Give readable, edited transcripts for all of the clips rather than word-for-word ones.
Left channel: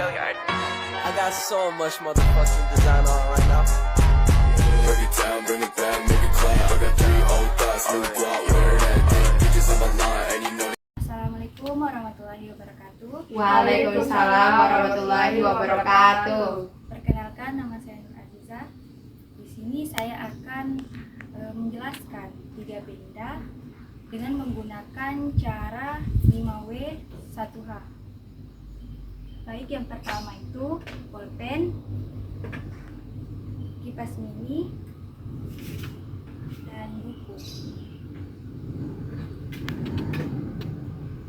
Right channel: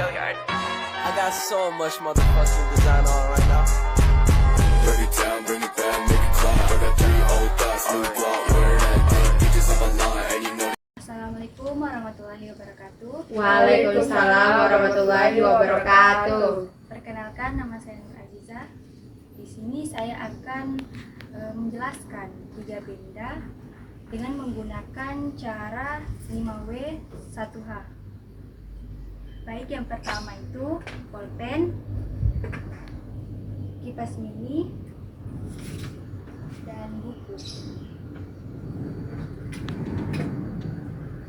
I got so much motherfucking design on right now. Break it down, bring it back, make it clap. I got 3 old thoughts, new block, where that thing. Bitches on my line, and you know. Assalamualaikum warahmatullahi wabarakatuh. Waalaikumsalam warahmatullahi wabarakatuh. Perkenalkan, nama saya Nur Aziza. Di sini saya akan menjelaskan 3 benda dengan menggunakan cara 5W 1H. Baik, yang pertama itu pulpen, kipas mini, dan buku.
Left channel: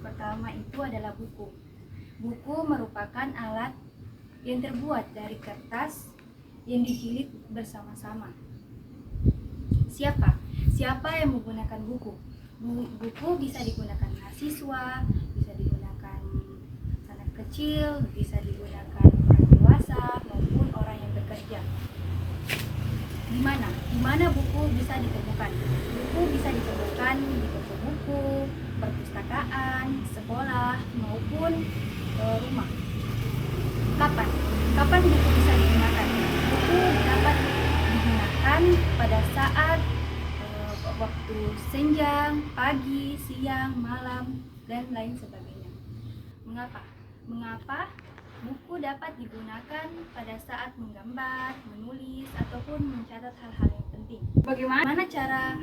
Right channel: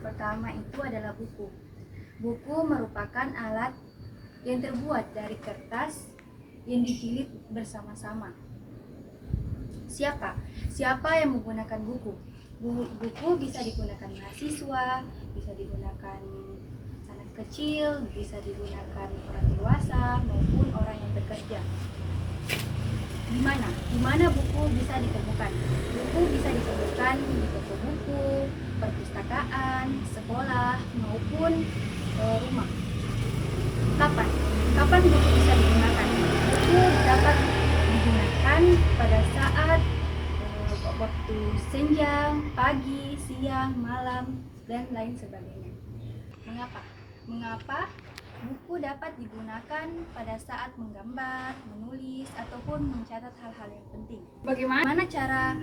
Pertama itu adalah buku. Buku merupakan alat yang terbuat dari kertas yang dijilid bersama-sama. Siapa yang menggunakan buku? Buku bisa digunakan mahasiswa, bisa digunakan anak kecil, bisa digunakan orang dewasa maupun orang yang bekerja. Di mana buku bisa ditemukan? Buku bisa ditemukan di toko buku, perpustakaan, sekolah maupun rumah. Kapan buku bisa digunakan? Buku dapat digunakan pada saat waktu senjang, pagi, siang, malam, dan lain sebagainya. Mengapa buku dapat digunakan pada saat menggambar, menulis, ataupun mencatat hal-hal yang penting? Bagaimana cara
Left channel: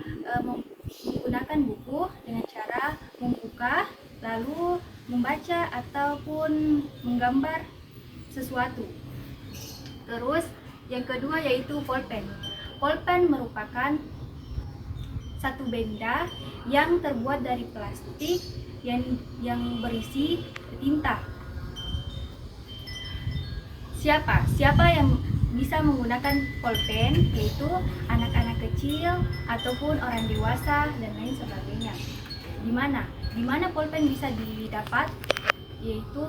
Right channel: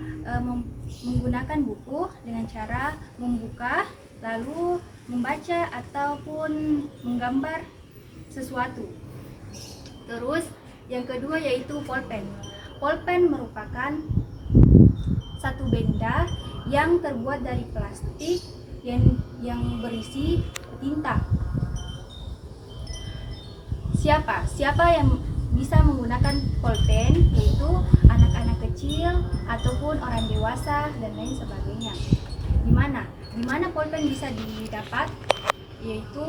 menggunakan buku? Dengan cara membuka, lalu membaca ataupun menggambar sesuatu. Terus yang kedua yaitu pulpen. Pulpen merupakan satu benda yang terbuat dari plastik yang berisi tinta. Siapa yang bisa menggunakan pulpen? Yaitu anak-anak kecil ataupun orang dewasa dan lain sebagainya. Di mana pulpen bisa didapat? Yaitu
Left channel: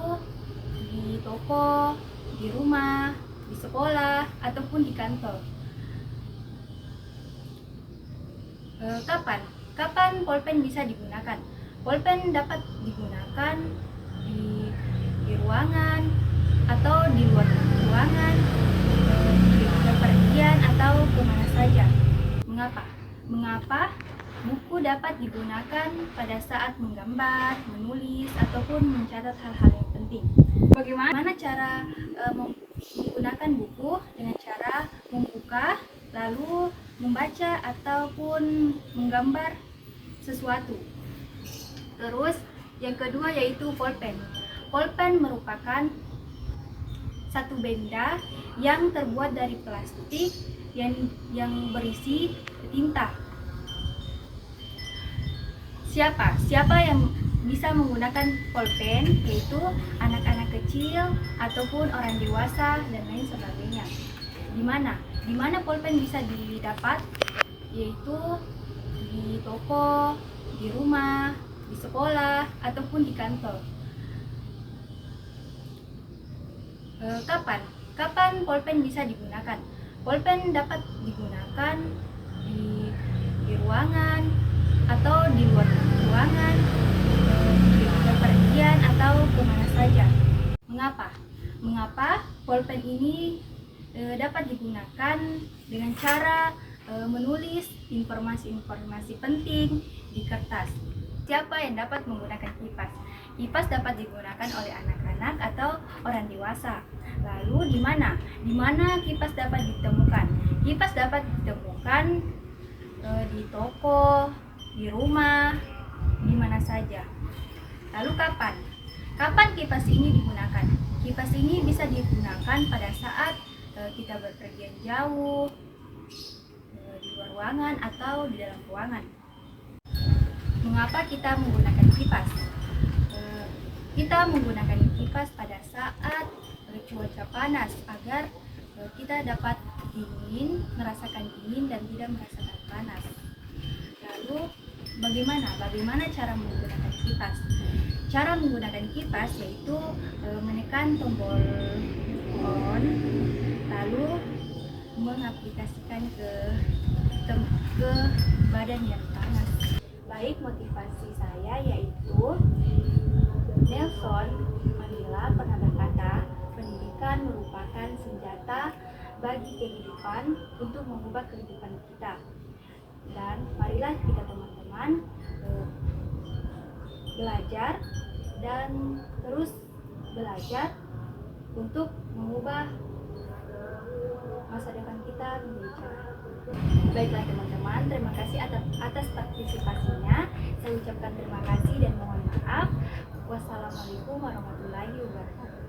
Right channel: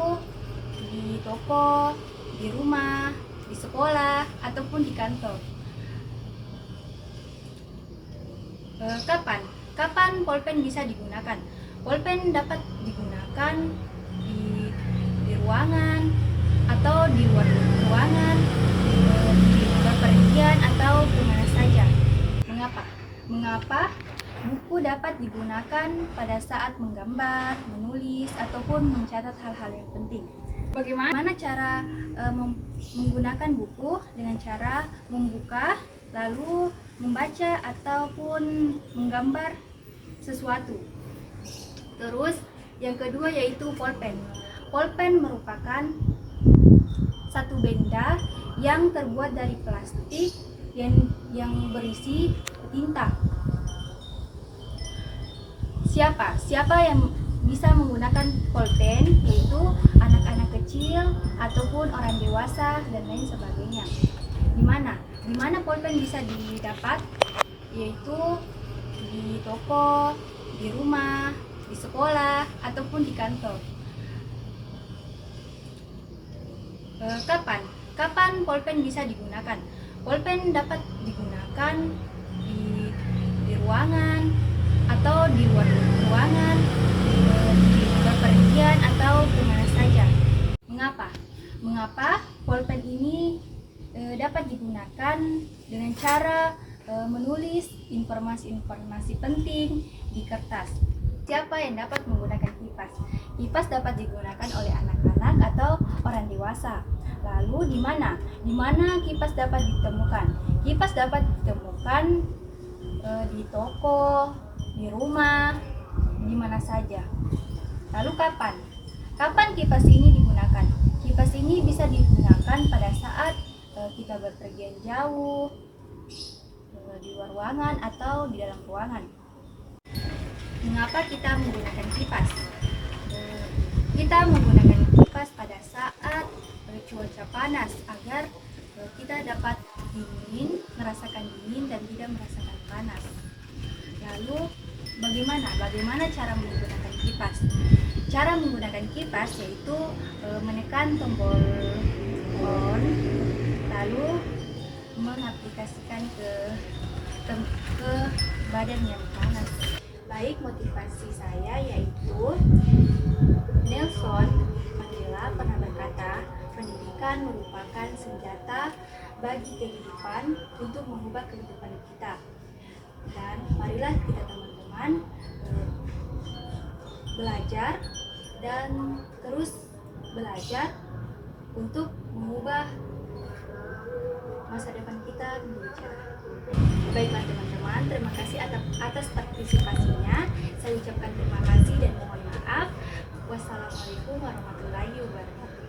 di toko, di rumah, di sekolah, ataupun di kantor. Kapan pulpen bisa digunakan? Pulpen dapat digunakan di ruangan atau di luar ruangan, di bepergian atau kemana saja. Mengapa buku dapat digunakan pada saat menggambar, menulis, ataupun mencatat hal-hal yang penting? Bagaimana cara menggunakan buku? Dengan cara membuka, lalu membaca ataupun menggambar sesuatu. Terus yang kedua yaitu pulpen. Pulpen merupakan satu benda yang terbuat dari plastik yang berisi tinta. Siapa yang bisa menggunakan pulpen? Yaitu anak-anak kecil ataupun orang dewasa dan lain sebagainya. Di mana pulpen bisa didapat? Yaitu di toko, di rumah, di sekolah, ataupun di kantor. Kapan pulpen bisa digunakan? Pulpen dapat digunakan di ruangan atau di luar ruangan, di bepergian atau kemana saja. Mengapa pulpen ini dapat digunakan dengan cara menulis informasi-informasi penting di kertas? Siapa yang dapat menggunakan kipas? Kipas dapat digunakan oleh anak-anak atau orang dewasa. Lalu di mana kipas dapat ditemukan? Kipas dapat ditemukan di toko, di rumah, di mana saja. Lalu kapan kipas ini digunakan? Kipas ini bisa digunakan pada saat kita berpergian jauh, di luar ruangan atau di dalam ruangan. Mengapa kita menggunakan kipas? Kita menggunakan kipas pada saat cuaca panas agar kita dapat merasakan dingin dan tidak merasakan panas. Lalu bagaimana cara menggunakan kipas? Cara menggunakan kipas yaitu menekan tombol on, lalu mengaplikasikan ke badan yang panas. Baik, motivasi saya yaitu Nelson Mandela pernah berkata, pendidikan merupakan senjata bagi kehidupan untuk mengubah kehidupan kita. Dan marilah kita teman-teman belajar dan terus belajar untuk mengubah masa depan kita menjadi cerah. Baiklah teman-teman, terima kasih atas partisipasinya. Saya ucapkan terima kasih dan mohon maaf. Wassalamualaikum warahmatullahi wabarakatuh.